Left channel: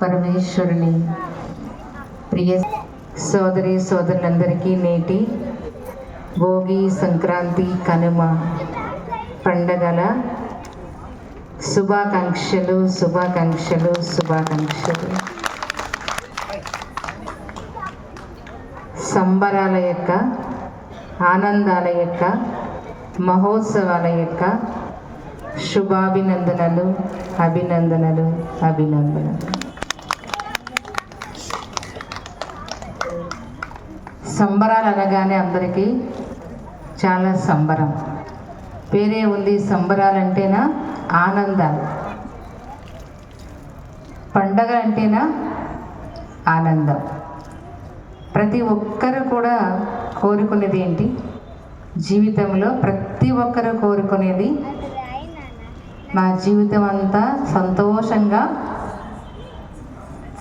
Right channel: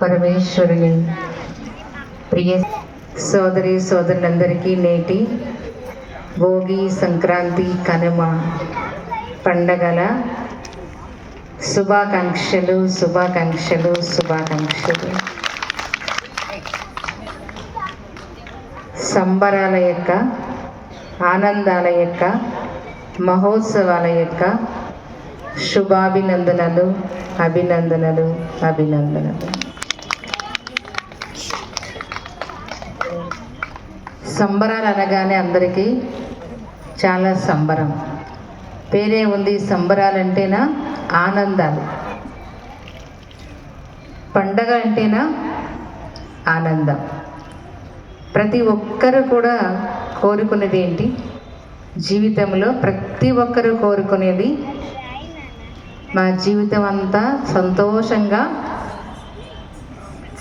పరమేశ్వరుని ప్రియ సోదరి సోదరులందరికీ నేటి భోగి, సంక్రాంతి, కనుమ పండగల శుభాకాంక్షలు. సంబరాల యొక్క, ఆనందాల యొక్క, మహోత్సవాల యొక్క శుభాభినందనలు, అభినందనలు. సంబరాలు అనగానే అందరికీ చాలా సంబరం. పేరే ఉంది, సంబరాలంటేనా ఆనందాలు, పండగ అంటేనా ఆనందం. ప్రతి ఒక్కరు కూడా కోరుకునేది ఏంటి? జీవితంలో ప్రతి ఒక్కరు కోరుకునేది నా జీవితం అంతా సంతోషంగా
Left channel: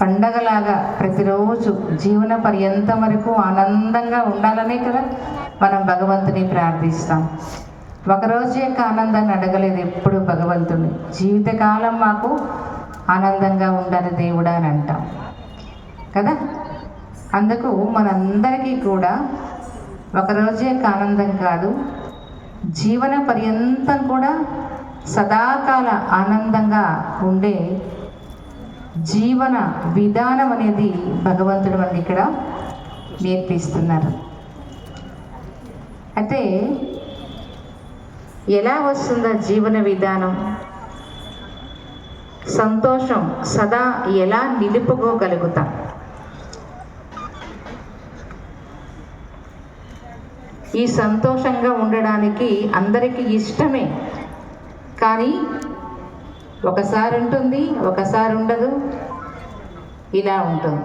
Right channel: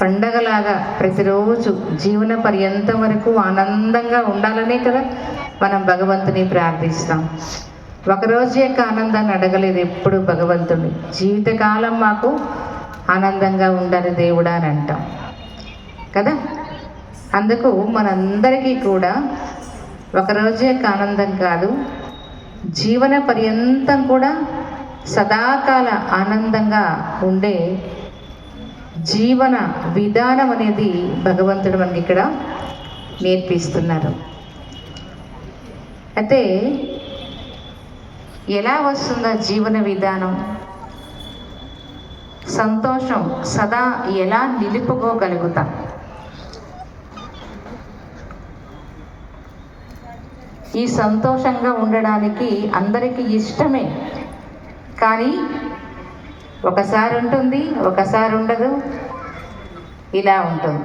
పండగలాగా ప్రతిరోజు జీవన పర్యంతం వరకు ఆనందంగా ఉండాలనే కదా మనం భగవంతుని ప్రార్థిస్తాం. ఒకరోజు యొక్క ఆనందాన్ని అడగలేదు ఎప్పుడు భగవంతుని. జీవితకాలం మాకు ఆనందంగా ఉండాలి దేవుడా అని అంటాం కదా. అందుకు మనందరికీ కూడా ఒకరోజు యొక్క ఆనందం కాదు, జీవన పర్యంతం కూడా సదాకాల ఆనందంగా ఉండే జీవన విధానం అనేది భగవంతుడు మనకి ఇక్కడ నేర్పిస్తున్నారు. అయితే ఎలా వస్తుందో జీవన విధానం? సంతోషం సదా ఎలా నిలుపుకోగలుగుతాం? ఈ సంతోషంగా ఉండడానికి అందరికీ ఇష్టమే, కానీ ఒకసారి ఉంటుంది, ఒకసారి ఉండదు, ఇలా ఉంటుంది.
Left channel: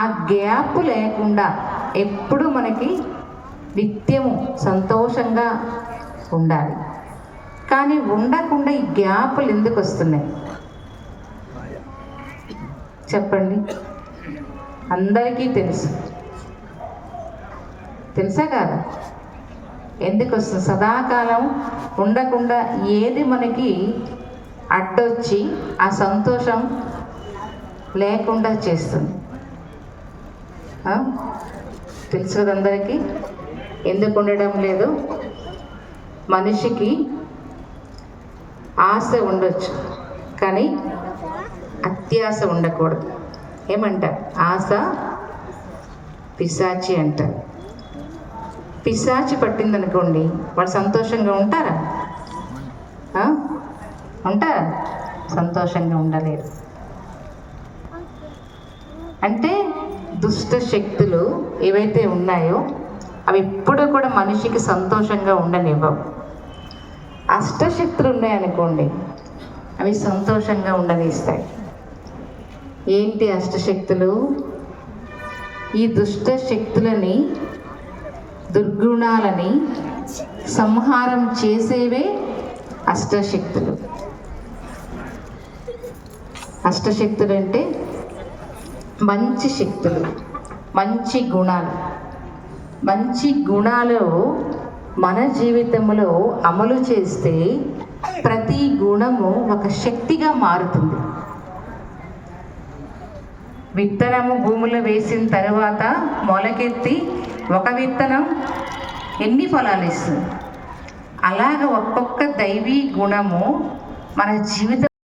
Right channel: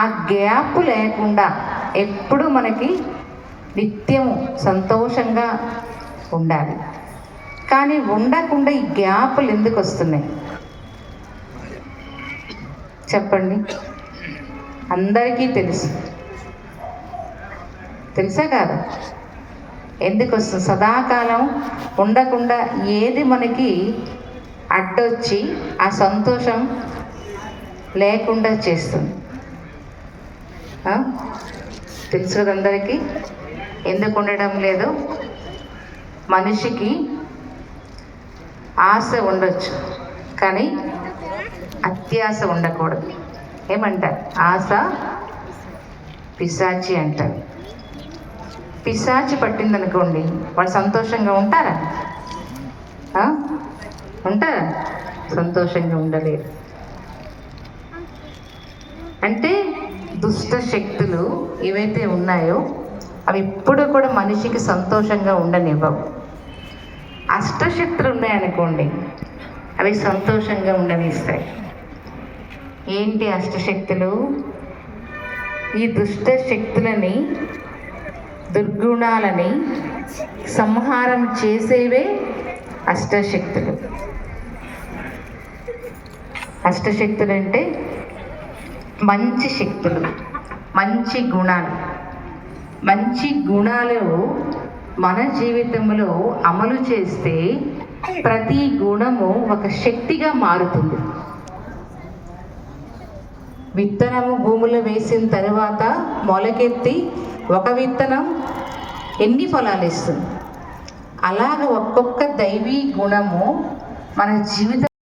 ఆ గ్యాప్ లేకుండా ఎప్పుడు మనకి నిత్యము సంతోషంగా ఉండాలి. కానీ ఉండకుండా ఈ గ్యాప్లు ఎందుకు వస్తున్నాయి చెప్పండి? అందరికీ తెలుసా కాదా? ఎందుకు వస్తుంది? సదాకాలం ఉండకుండా ఏది మనకి అడ్డొచ్చి ఆ సంతోషం లేకుండా చేస్తుంది? తెలుసు కదా అందరికీ ఎందుకు ఉండడం లేదు. మనిషికి ఆశ ఉండొచ్చు, కానీ అత్యాశ ఉండకూడదు. ఏమంటారు? ఆశ పిశాచి అంటారు. పిశాచి పట్టిందనుకోండి, వాళ్ళు సంతోషంగా ఉంటారా? సంతోషంగా ఉండలేరు. అంటే దుష్ట శక్తులు ఏవైతే ఉన్నాయో అవి ఎప్పుడు కూడా మనిషికి సంతోషంగా ఉండనివ్వవు. అష్టశక్తులు ఉన్నాయనుకోండి, అవి సంతోషంగా ఉండనిస్తాయి. ఏంటి అష్టశక్తులు? ఈ దుష్ట శక్తులని, దుర్గుణాలని సంహారం చేసేవే అష్టశక్తులు. అష్టశక్తులు అంటే మంచి శక్తులు, మంచి గుణాలు. మంచి గుణాలు మన జీవితంలో అమలు చేస్తే ప్రతి గుణము ఒక శక్తిగా మారుతుంది. విత్తనము భూమిలో వేసిన తర్వాత మొలకెత్తి ఒక విత్తనం ఎన్ని ఫలాలు ఇస్తుంది? అలాగ ఒక్కొక్క దైవీ గుణము మన జీవితం